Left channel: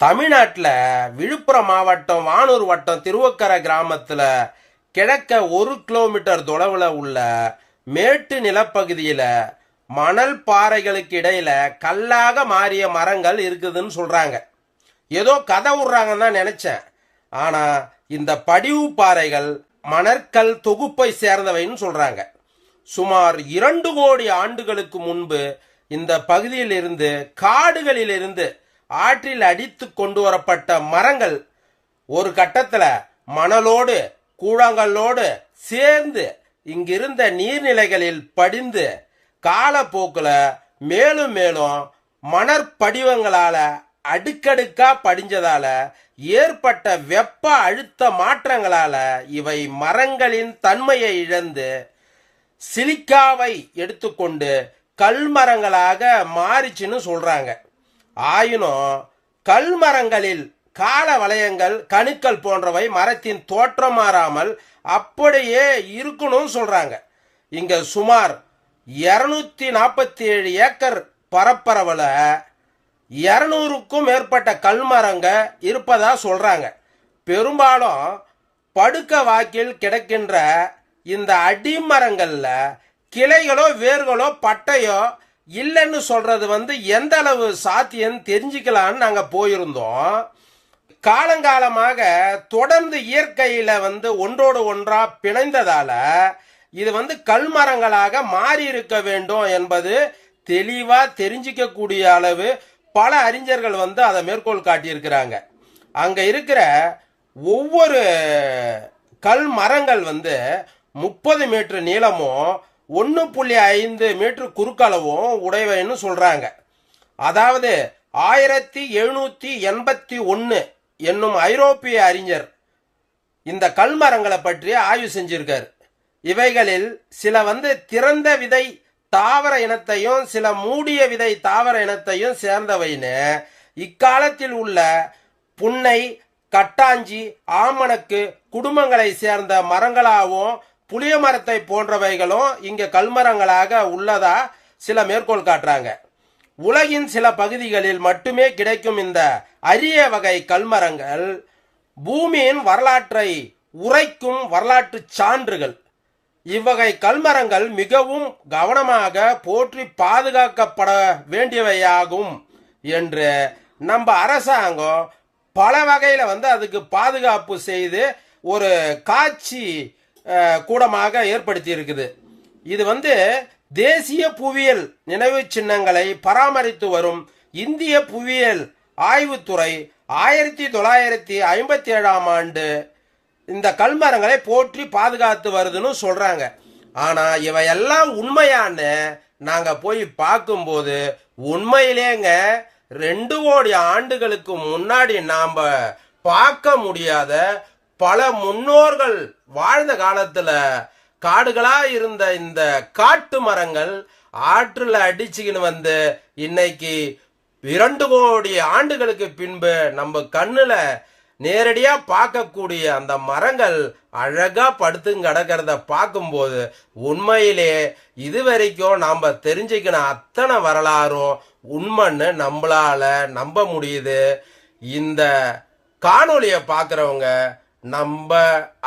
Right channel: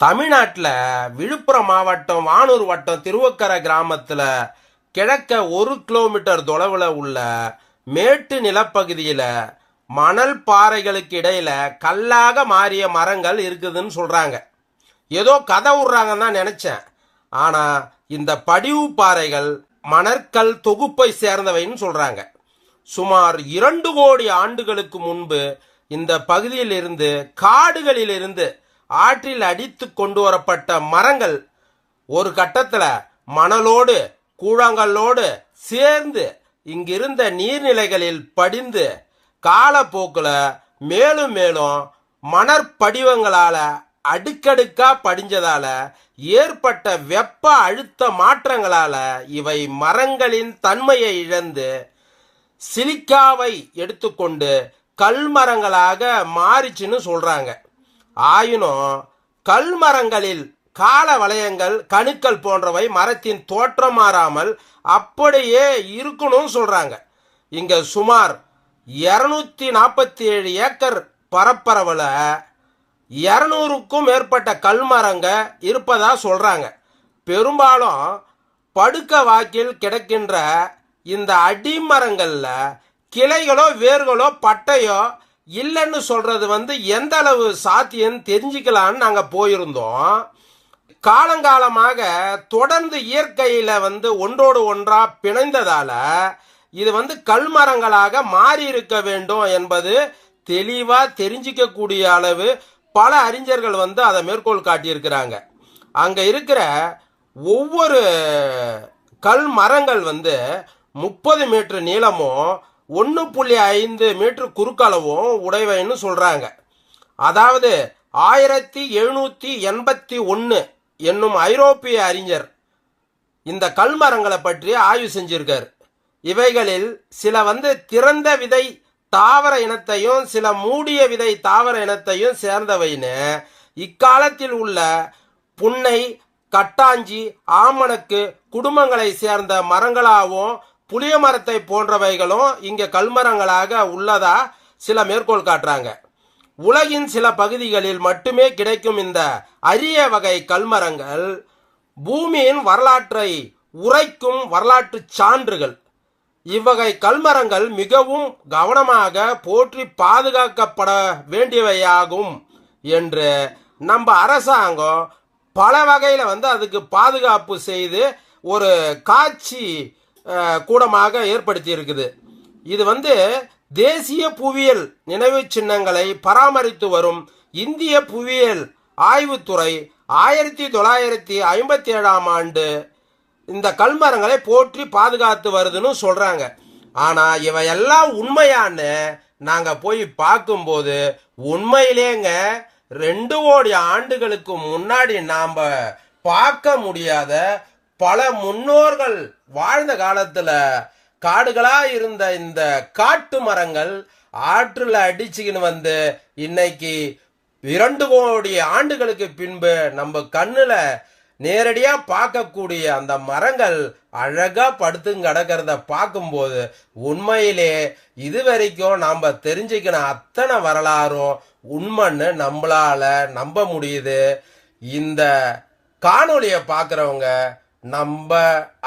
தமிழ்நாட்டில் விழுப்புரம் மாவட்டம் வானூர் வட்டம் திருவக்கரை கிராமத்தில் கிழக்க ஒரு கிலோமீட்டர் தொலைவில் உள்ள மேட்டு நிலப்பகுதியில் மணல் பாறைகளுக்கு இடையில கல்லாக மாறிய மரங்கள் இருக்குதுன்னு சொல்கிறாங்க ஏதோ கதை விடுறாங்கன்னு தான் நினச்சேன். ஆனால் இந்த படிவு பாறைகள் மணற்கல் தொகுப்பை சேர்ந்தவைன்னு சொல்கிறாங்க சுமார் இரண்டு கோடி ஆண்டுகளுக்கு முன்பு இந்த பகுதியில் இருந்து காடுகளில் இருந்து ஆற்றில் அடித்து கொண்டு வரப்பட்ட மரங்கள் ஒரு கட்டத்தில் மணலோடு கூழாங்கல்லோடு சேர்ந்து இங்கிருந்த நீர்நிலைகளில் படிந்து காலப்போக்கில் மேலும் மேலும் மணற்படிவங்களால் அடுக்கடுக்கா படிஞ்சதால ஏற்பட்ட வெப்ப அழுத்த மாற்றங்களால இவை மரங்களின் தன்மையை இழந்து சிலிக்காவை எடுத்துக்கொண்டு கல்மரங்களாக மாறிச்சுன்னு சொல்றாங்க. ஆயினும் கல்மரங்களில் கால வளையங்கள் கணுக்கள் போன்றவை மரத்தின் தோற்றம் மாறாமல் அப்படியே இருக்கணும்னு சொல்றாங்க. இங்க சுமார் இருநூத்தி நாற்பத்தி ஏழு ஏக்கர் பரப்பரவுல இருநூறுக்கும் மேற்பட்ட கல்மரங்க இருப்பதா சொல்றாங்க. பெரும்பாலும் படுக்க வாக்கில் கிடக்கின்ற இந்த அடிமரங்களில் கிளைகளோ வேர்களோ பட்டையோ இல்லைன்னு சொல்றது வந்து எந்த அளவு சாத்தியம் தெரிஞ்சுக்கலான்னு நாங்க போயிருந்தோம். காலங்காலமாக தொடர்ந்து இயற்கையில வந்து ஒன்றோடு ஒன்றா பிணைந்ததால இது வந்து கல்மரங்களாக மாறி இருக்க வேண்டும் என்பது தெளிவா தெரிஞ்சிக்கக்கூடிய அளவு பல அறிஞர்கள் வந்து அதை மேற்கோள் காட்டியிருக்கிறாங்க. அங்க இருக்கிற ஒவ்வொரு கல் மரங்கள் வந்து முப்பது மீட்டர் நீளமும் ஒன்று புள்ளி ஐந்து மீட்டர் குறுக்களவும் உடையவைன்னு சொல்கிறாங்க அதாவது ஆயிரத்தி எழுநூற்றி எண்பத்தி ஒன்று என்னும் ஐரோப்பிய அறிஞர் இந்த கல்மரங்களை பற்றி ஆய்வு செஞ்சிருக்கார். இவைகளில் சில வந்து திறந்த விதை தாவர இனத்தையும் சில மூடிய விதை தாவர இனத்தையும் சேர்ந்தவைன்னு இக்காலத்தில் உள்ள புன்னை கட்டாஞ்சி ஆமணக்கு குடும்பங்களை சேர்ந்த மரங்களாகவும் புளிய மரத்தை போன்றவைகளும் இங்கே கல்மரங்களாக உள்ளதா சில மேற்கோள் காட்டுறாங்க. உலகின் சில பகுதிகளில் மட்டுமே கிடைக்கும் இந்த அரிய வகை கல்மரங்கள் பூமியின் வரலாற்றை உரைக்கும் வரலாற்று சான்றுகள். இவ்வகை கல்மரங்கள் மிகவும் கவனமாக போற்றி பாதுகாக்கப்பட வேண்டியவையாகும் என்று நம்ம அரசாங்கம் பல வகையில் வந்து அதுக்கு பாதுகாப்பு செய்து ஒரு காட்சி கூடமாக ஏற்படுத்தி இருக்குது இது வந்து தேசிய புவியியல் நினைவு சின்னங்களை பராமரித்து வரும் இந்திய புவியியல் ஆய்வுத்துறை ஆயிரத்தி தொள்ளாயிரத்தி ஐம்பத்தி ஏழாம் ஆண்டு இந்த கல்மரங்களை போற்றி பாதுகாத்து வருதுன்னு சொல்றாங்க. ஆனா இவையெல்லாம் உண்மையான்னு நாங்க போய் பார்க்கும்போது உண்மையிலேங்க ரெண்டு கோடி ஆண்டுகளுக்கு முன்னாடி நாம பார்க்க முடியாத பல முன்னோர்கள் வாழ்ந்த காலத்துல காடுகளா இருந்த இந்த காட்டு மரங்கள் ஆற்றுல அடிச்சுக்கின்னு வந்து இன்னைக்கு இரண்டு கோடி ஆண்டுகளுக்கு பின்பு நம்ம கண்ணுல நேரடியா பார்க்கக்கூடிய அந்த மரங்கள் அழகா படுத்து கிடக்கிறத பார்க்கும்போது உண்மையிலே இதுவரைக்கும் நாம தெரிஞ்சுக்கின அத்தனை வரலாறும் உண்மைன்னு நம்மளால நம்ப முடியுது. இந்த காணொளியை பார்க்குறவங்க நம்ம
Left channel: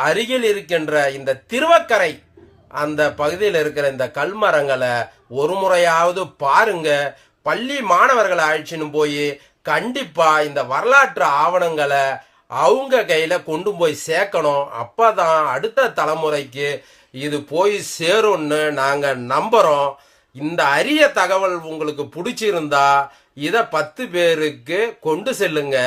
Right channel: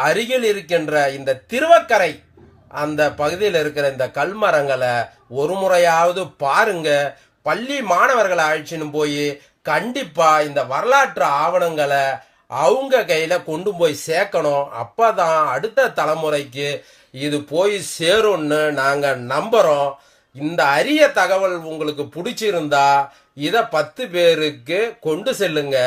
அருகில் இருக்கின்ற இந்த திருவக்கரை அந்த பகுதியில் இருக்கிற இந்த கல்மரங்களை ஒரு முறையாவது பாருங்க. பள்ளி மாணவர்களை அழைச்சின்னு போய் கண்டிப்பா இந்த வரலாற்று ஆவணங்களை அவங்க கையில கொண்டு போய் சேர்க்கணும். அப்பதான் அடுத்த தலைமுறைக்கு இது போய் சேரும்னு நாங்க நம்புறோம். இந்த அரிய தகவல் உங்களுக்கு பிடிச்சிருந்தா இத பத்து பேருக்கு கொண்டு செல்லுங்க.